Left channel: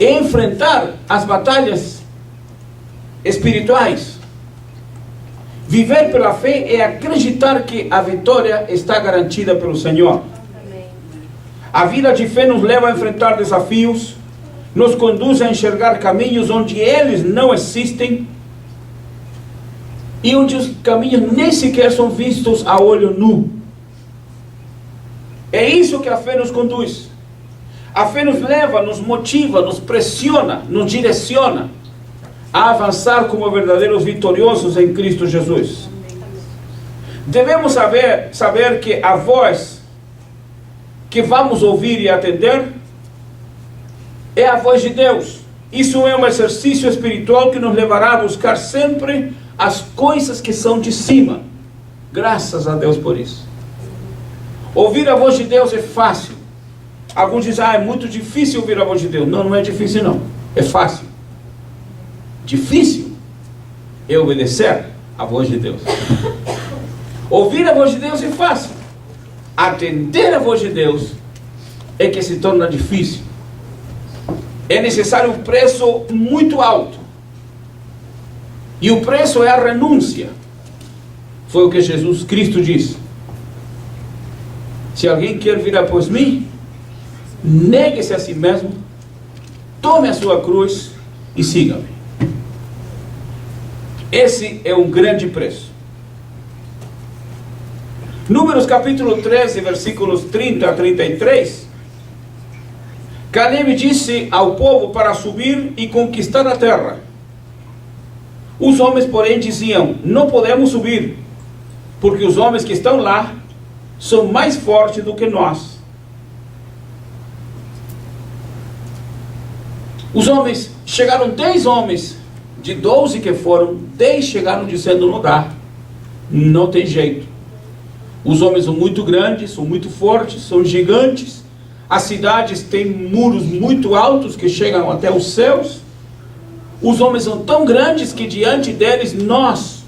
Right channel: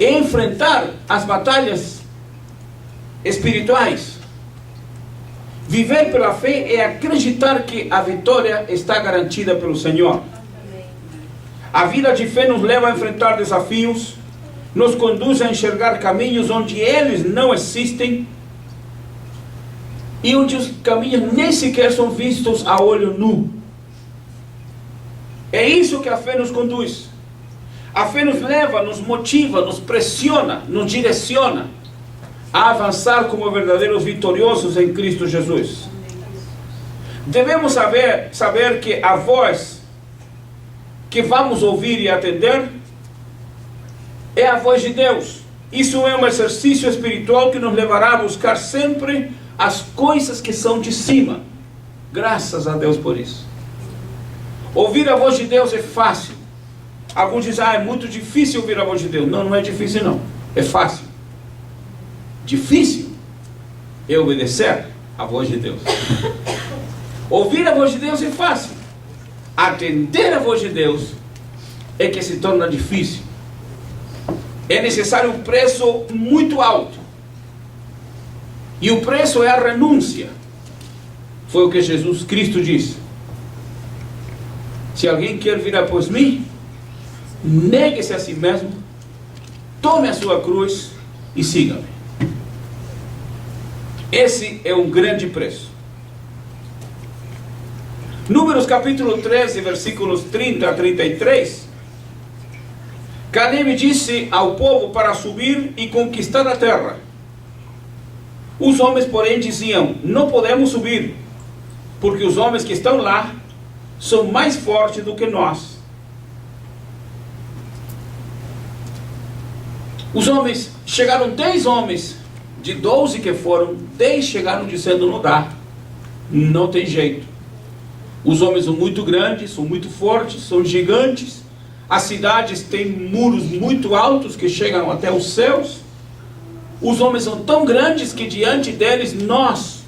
enfrentar as batalhas espirituais. Viver pela fé é acreditar que a vitória está garantida pelo Senhor. A vida de fé nos leva a enfrentar desafios, nos conduz a enxergar caminhos onde eles não existem e onde os caminhos nem sequer são vistos a olho nu. É isso que a fé nos conduz. A fé nos leva, nos motiva, nos pressiona, nos direciona a avançar como verdadeiros vitoriosos em Cristo Jesus. Devemos saber que a voz que vamos ouvir e atender é a voz de Deus. Isso é um exercício espiritual que nos levará a buscar sempre as coisas que são de cima. Graças a Deus por isso. Ouvir a voz de Deus é fácil. Alguns dizem, é muito difícil ouvir a voz de Deus. Não, não é difícil não. É fácil. Difícil é obedecer a voz de Deus. Ouvir a voz de Deus é fácil. Atender a voz de Deus é que se torna difícil. É necessário um preço muito alto. E o preço é a renúncia. Foi o que Jesus Cristo disse. Se alguém quer vir após mim, negue-se a si mesmo, tome a sua cruz e siga-me. Esse é um grande preço. Números capítulo 13, versículos 30 a 33. Caleb disse ao povo para subir e conquistar a terra. Os homens, porém, diziam, não podemos subir, porque os homens que estão lá são mais fortes do que nós. Os homens, chegaram 10 homens, de 12 que foram, 10 chegaram dizendo, não dá, não tem jeito. Os homens são muito grandes, são muito fortes, são gigantes. As cidades têm muros muito altos que chegam até os céus. Os homens são tão grandes que diante deles nós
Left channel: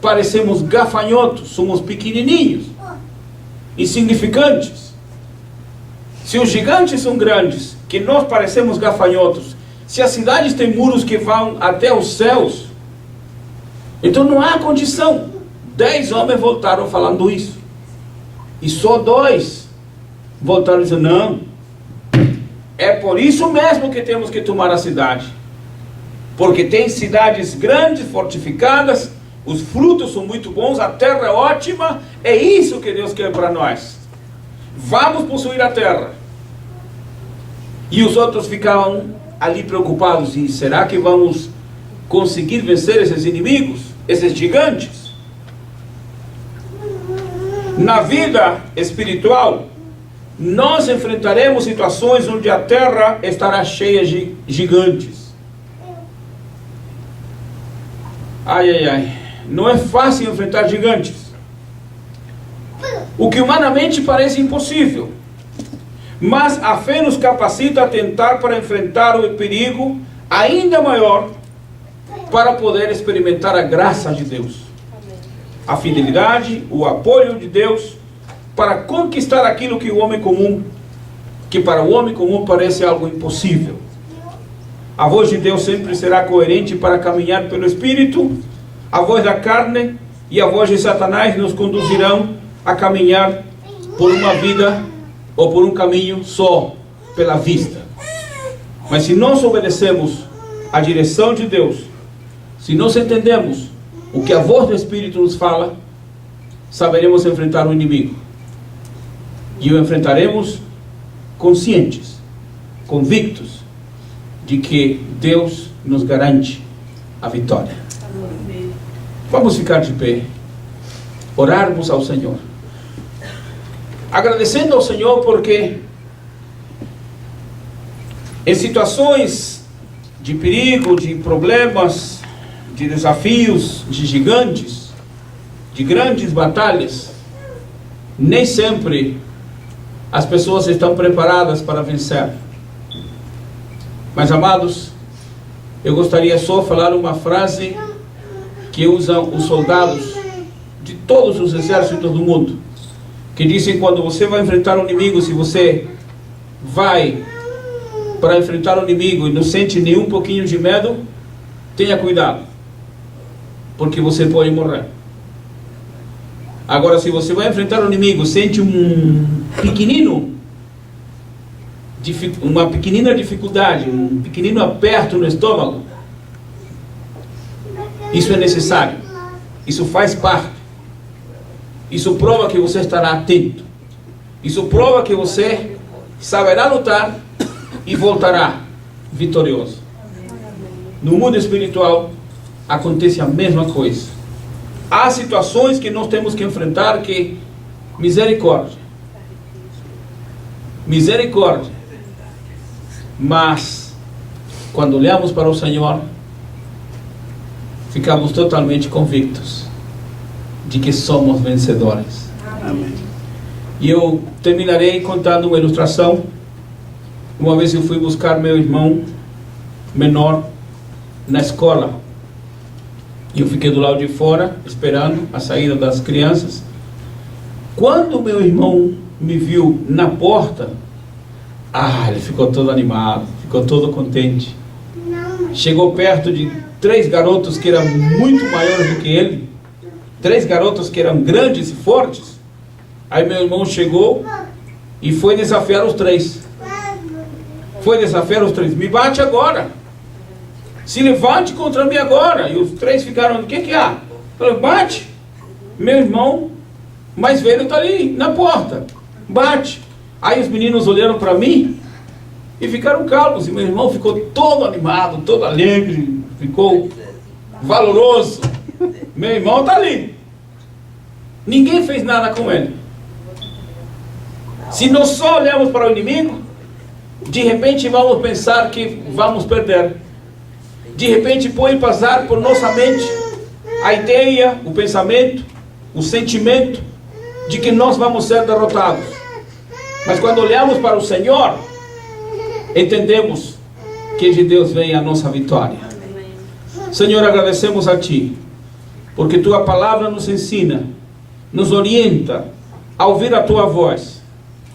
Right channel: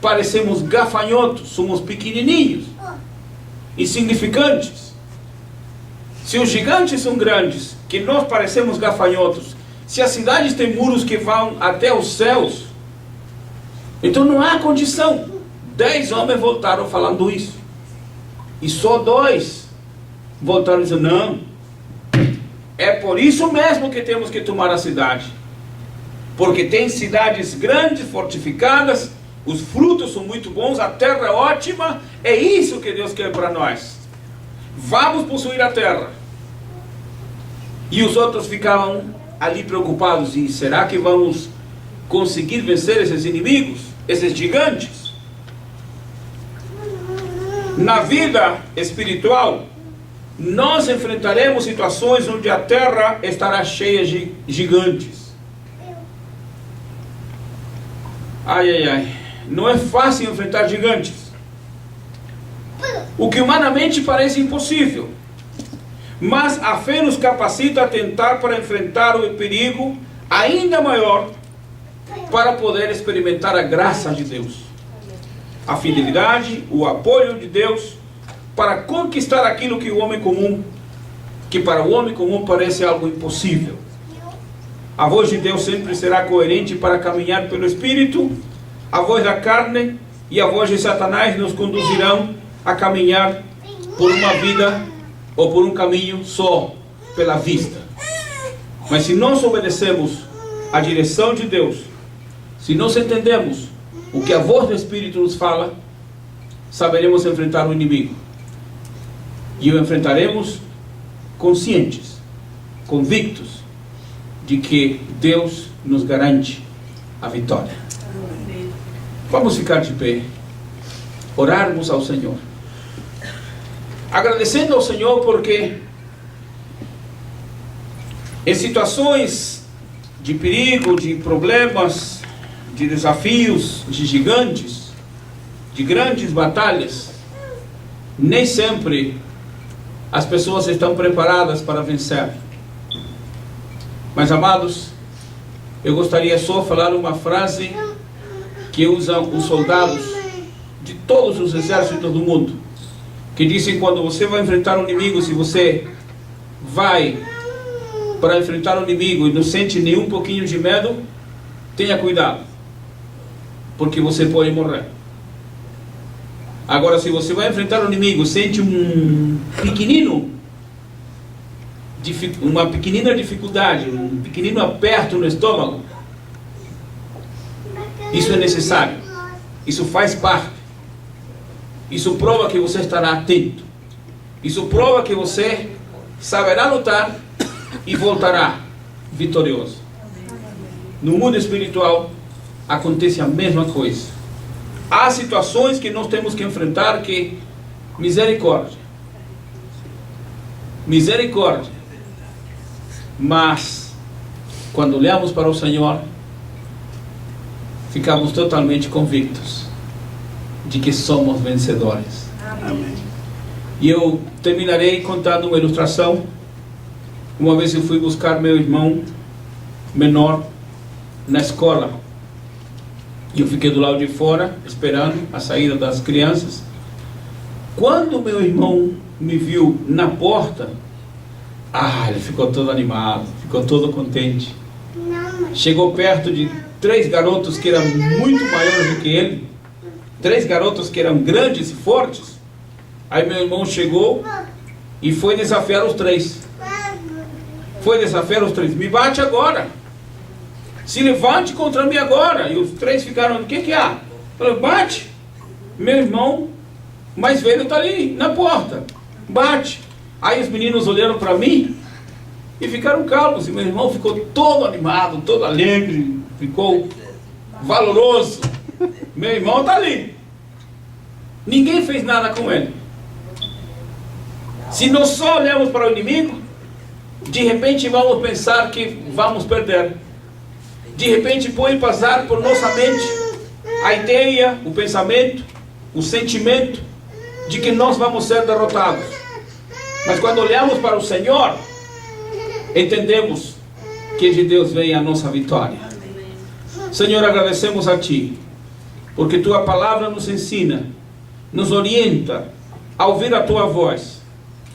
parecemos gafanhotos, somos pequenininhos, insignificantes. Se os gigantes são grandes, que nós parecemos gafanhotos, se as cidades têm muros que vão até os céus, então não há condição. 10 homens voltaram falando isso. E só 2 voltaram dizendo, não, é por isso mesmo que temos que tomar a cidade. Porque tem cidades grandes, fortificadas, os frutos são muito bons, a terra é ótima, é isso que Deus quer para nós. Vamos possuir a terra. E os outros ficavam ali preocupados, e será que vamos conseguir vencer esses inimigos, esses gigantes? Na vida espiritual, nós enfrentaremos situações onde a terra estará cheia de gigantes. Ai, ai, ai. Não é fácil enfrentar gigantes. O que humanamente parece impossível. Mas a fé nos capacita a tentar para enfrentar o perigo ainda maior, para poder experimentar a graça de Deus. A fidelidade, o apoio de Deus, para conquistar aquilo que para o homem comum parece algo impossível. A voz de Deus sempre será coerente para caminhar pelo Espírito. A voz da carne e a voz de Satanás nos conduzirão a caminhar por uma vida ou por um caminho só pela vista. Mas se nós obedecemos a direção de Deus, se nós entendemos o que a voz do Espírito nos fala, saberemos enfrentar o inimigo. E o enfrentaremos conscientes, convictos de que Deus nos garante a vitória. Vamos ficar de pé, orarmos ao Senhor, agradecendo ao Senhor porque em situações de perigo, de problemas, de desafios, de gigantes, de grandes batalhas, nem sempre as pessoas estão preparadas para vencer. Mas, amados, eu gostaria só de falar uma frase que usam os soldados de todos os exércitos do mundo, que dizem: quando você vai enfrentar um inimigo, se você vai para enfrentar o inimigo e não sente nenhum pouquinho de medo, tenha cuidado, porque você pode morrer. Agora, se você vai enfrentar o inimigo, sente uma pequenina dificuldade, um pequenino aperto no estômago, isso é necessário, isso faz parte, isso prova que você estará atento, isso prova que você saberá lutar e voltará vitorioso. No mundo espiritual acontece a mesma coisa. Há situações que nós temos que enfrentar que, misericórdia, mas quando olhamos para o Senhor, ficamos totalmente convictos de que somos vencedores. Amém. E eu terminarei contando uma ilustração. Uma vez eu fui buscar meu irmão menor na escola, e eu fiquei do lado de fora esperando a saída das crianças. Quando meu irmão me viu na porta, ele ficou todo animado, ficou todo contente. Chegou perto de 3 garotos que eram muito maiores do que ele, 3 garotos que eram grandes e fortes. Aí meu irmão chegou e foi desafiar os 3. Me bate agora, se levante contra mim agora. E os 3 ficaram, o que há? Falei, bate. Meu irmão mais velho está ali na porta, bate. Aí os meninos olharam para mim e ficaram calmos, e meu irmão ficou todo animado, todo alegre, ficou valoroso. Meu irmão está ali, ninguém fez nada com ele. Se nós só olhamos para o inimigo, de repente vamos pensar que vamos perder. De repente pode passar por nossa mente a ideia, o pensamento, o sentimento de que nós vamos ser derrotados. Mas quando olhamos para o Senhor, entendemos que de Deus vem a nossa vitória. Senhor, agradecemos a Ti, porque Tua palavra nos ensina, nos orienta a ouvir a Tua voz,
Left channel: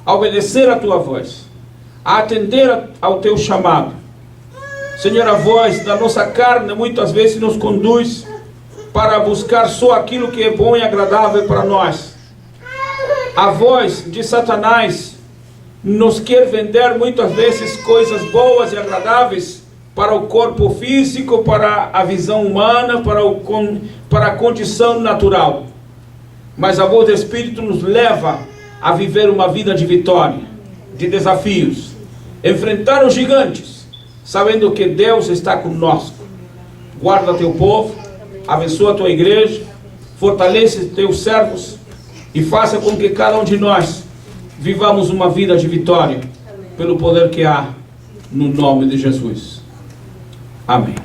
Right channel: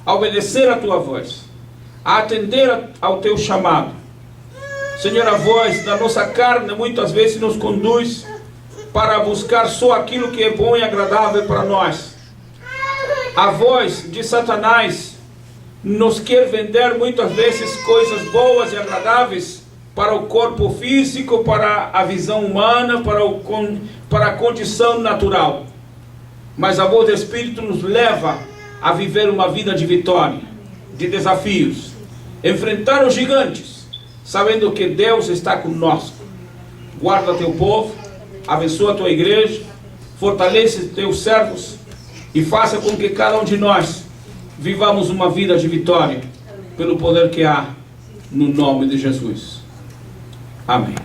a obedecer a Tua voz, a atender ao Teu chamado. Senhor, a voz da nossa carne muitas vezes nos conduz para buscar só aquilo que é bom e agradável para nós. A voz de Satanás nos quer vender muitas vezes coisas boas e agradáveis para o corpo físico, para a visão humana, para a condição natural. Mas a voz do Espírito nos leva a viver uma vida de vitória, de desafios, enfrentar os gigantes, sabendo que Deus está conosco. Guarda teu povo, abençoa a tua igreja, fortalece teus servos e faça com que cada um de nós vivamos uma vida de vitória, pelo poder que há no nome de Jesus. Amém.